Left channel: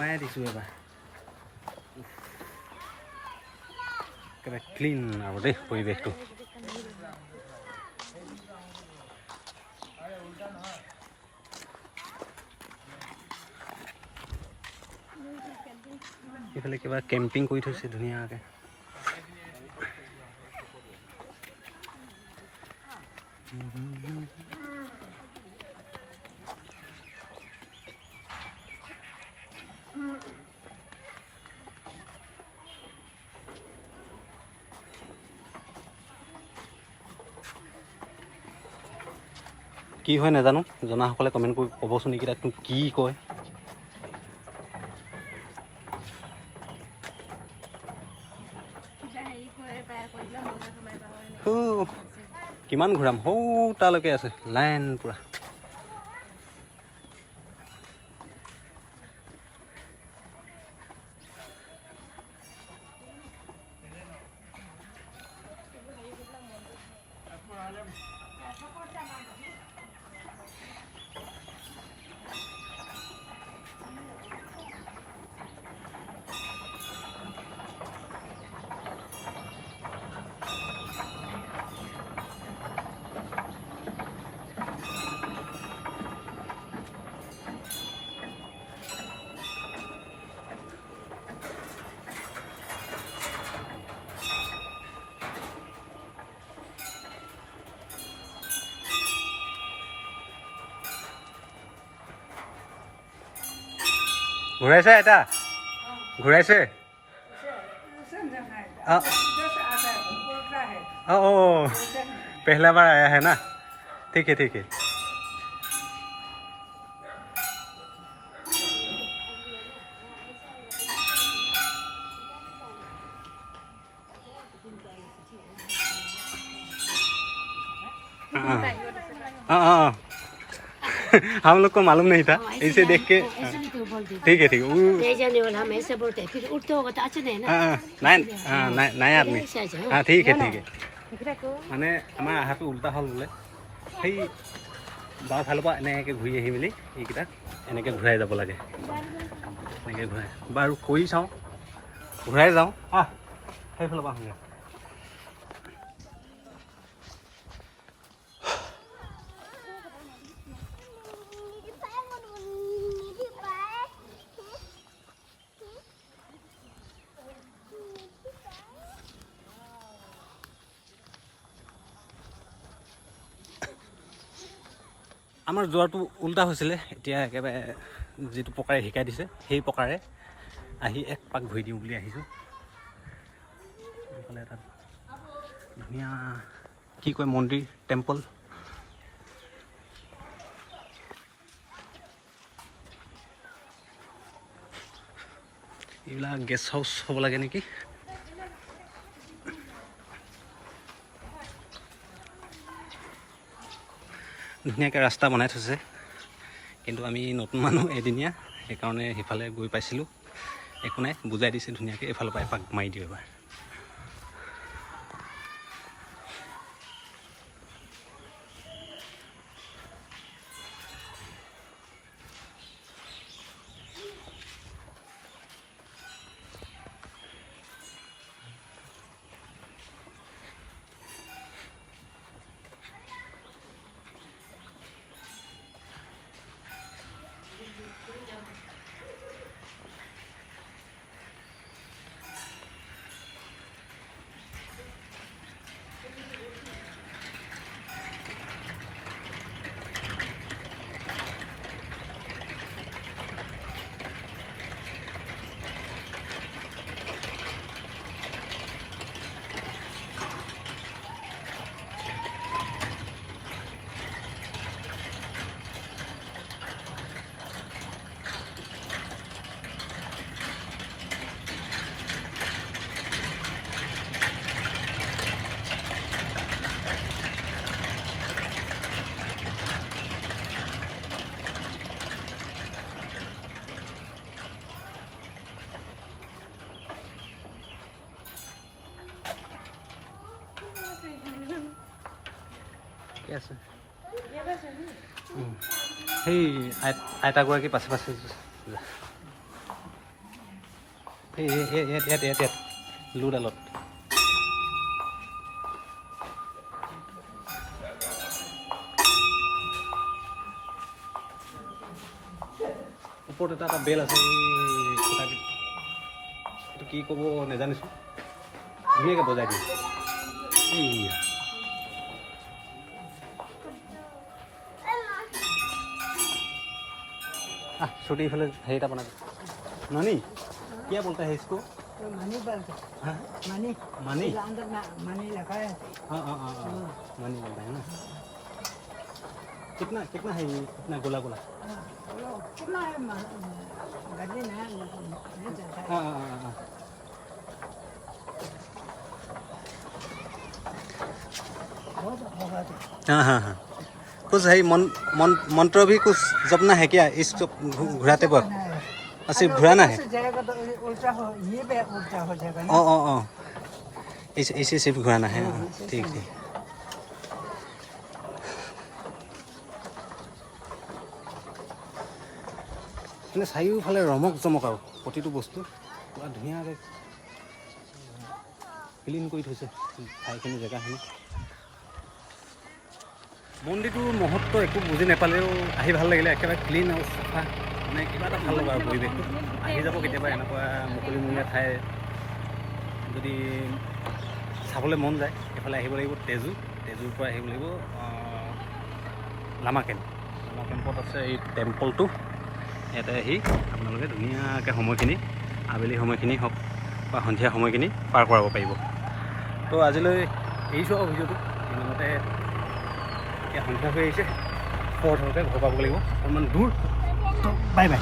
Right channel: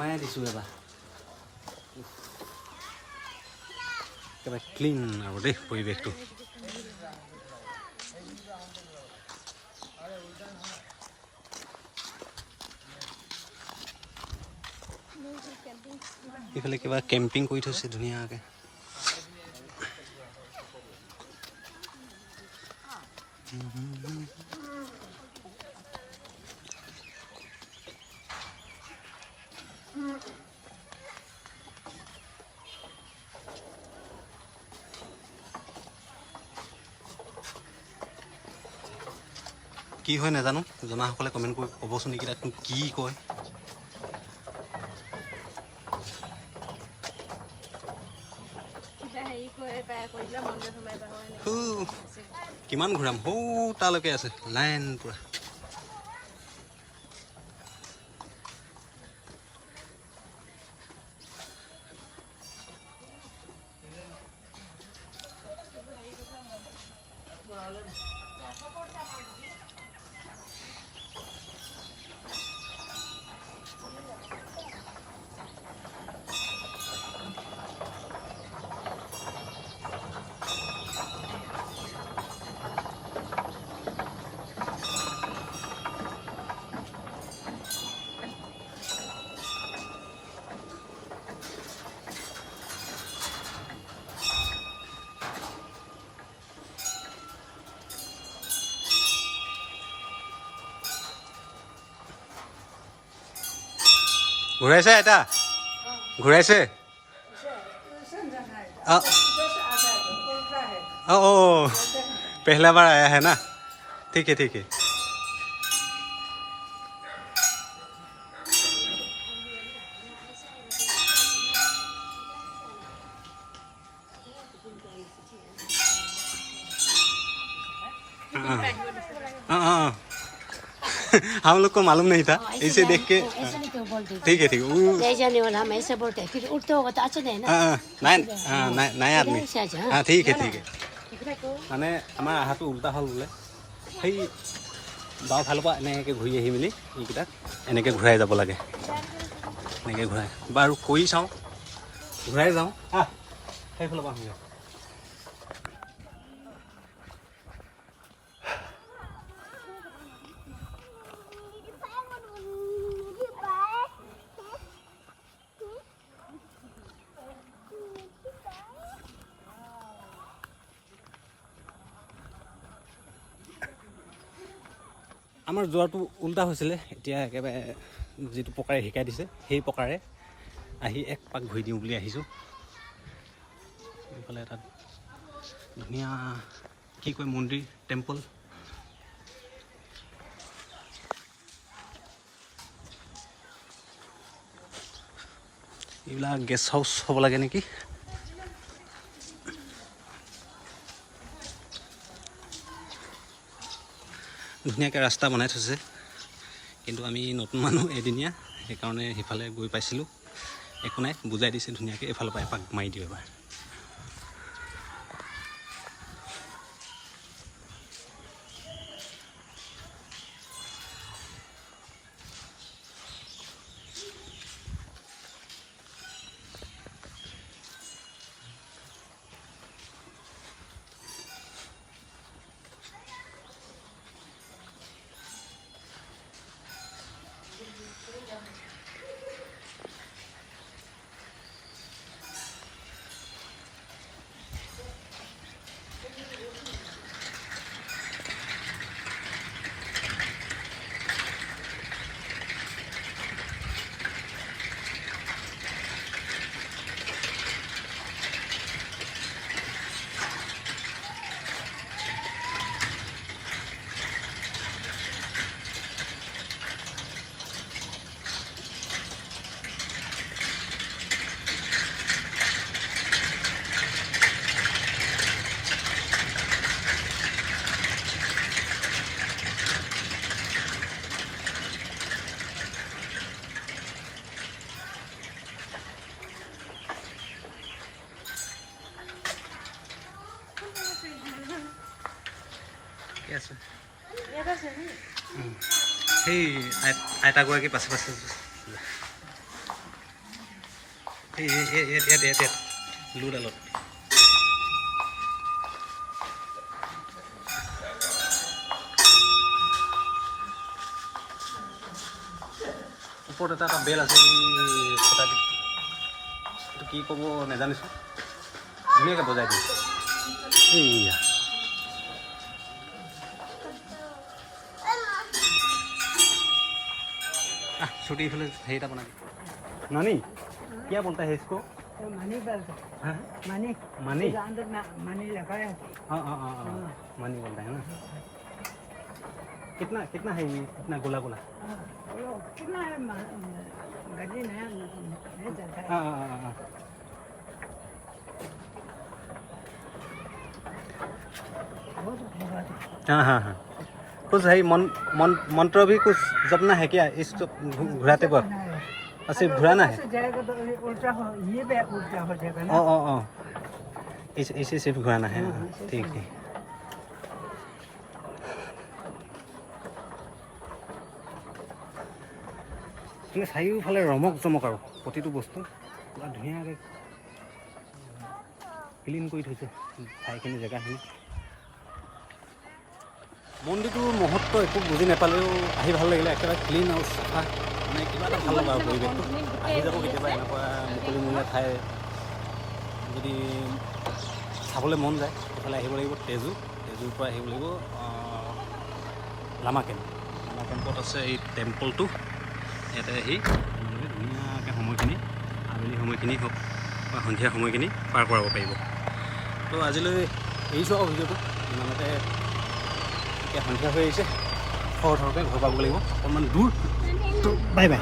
সোমাই দিছোঁ এবাৰ একেবাৰে ক্লিন আৰু দেই পৰিৱেশটো। এইফালে কিবা কেম্পিং কৰি থৈছে ধুনীয়াকৈ। কি হয় নাজানো, জনাসকলে কমেণ্ট কৰি ক'বচোন নেকি তাতনো কি কয়। কিমান ঘূৰাম, সৌ তালৈকে আছে লাইন পুৰা। ঘূৰাইছে এটা ঘূৰাইছে पहला बार आया है ना, ठीक है ठीक है। हाँ हम लोग को मालूम नहीं था, इसे देख के ठीक है ठीक है। ऐसे बोलते हैं फिर उल्टा होगा तो अच्छा नहीं ना। নাই आदमी हाँ ठीक है ठीक है। মানে আমাৰ আহাটো উল্টা হ'ল বোলে, সেই বাওঁ ফালৰ পৰা এনেকৈ ঘূৰি আহি মেলি এইকেইটা এনেকৈ ঘূৰাই যাব লাগে, এনেকৈ ঘূৰাই বাৰু কৰি চাওঁ, ঘূৰাই যাওঁ সেইফালৰ পৰা আহোঁগৈ। আমাৰ যোৱাটো উল্টা হৈছিলে, এতিয়া একেবাৰে যিটো প্ৰকাৰে শিকাই দিছে সেই প্ৰকাৰে আহি এক পাক ঘূৰি দিওঁ বুলি আহিছোঁ। এইফালে এটা ধুনীয়া কি কয় মন্দিৰ টেম্পল, এইবিলাক গেষ্ট হাউচ হ'ব লাগে নেকি। ধুনীয়াকৈ ৰাস্তা বনাই থৈছে, কিন্তু আমি নতুন মানুহ এদিনীয়া, সেইকাৰণে সিফালে গৈ পাইছিলোঁ। একো নাই, বুজাই দিছে ধুনীয়াকৈ, এইফালৰ পৰা এপাক মাৰি দিওঁ এবাৰ। আছে সেই আইতাগৰাকী পাছে পাছে ইয়াত লুডালত ওপৰত এটা বেল আছে এইটো কি ক'ব নাজানিছোঁ ধুনীয়াকৈ বজাই দিম এইয়া छोटी फले है बना दे नानी क्या बोलता है इसको मनी बोलते हाँ मनी मनी अंदर मनी लगाया हाँ हाँ हाँ मनी बोलता है ना कितना कितना है ये कितना गोला गोला कितना है गड्डी नहीं चलता है हाँ हाँ हाँ हाँ हाँ हाँ कुछ है मंत्र भी कुछ जपना है क्या इस घुराते पर सिर्फ घुराना है ये भी उल्टा हो जाएगा इसे सिर्फ घुराना है ठीक है মানে চাৰিওফালে ৰমক জমক আৰু প্ৰতিটো বস্তু পুৰা ধুনীয়াকৈ ক্লিন কৰি থৈছে ঠাইখিনি জেগাখিনি মন্দিৰটোৰ মহত্ব একো বুজি নাপালেও আহি ভাল লাগিলে একেবাৰে ক্লিন আৰু চাফা মানে কিবা এটা ভাল লগা আৰু পৰিৱেশটো আহি যাব কেতিয়াবা এনেকুৱা মুকলিমূৰীয়া ঠাই যদি চাবলৈ মন যায় এইফালে আহিব লাগিব তেজুৰ পৰা আহিব লাগিব লামা কেম্পত আছে এই টেম্পলটো ইয়াতে আহি আপোনালোকে ধুনীয়াকৈ সময়খিনি আবেলি সময়খিনি হওক বা সন্ধিয়া সময়খিনি পাৰ কৰাব পাৰিব তো আজিলৈ এৰিছোঁ আৰু ভিডিঅ'টো ইমানতে এতিয়া সন্ধিয়া হৈ আহিছে থৰকৈ ঘৰ পাব লাগিব অকণমান দূৰ বাই বাই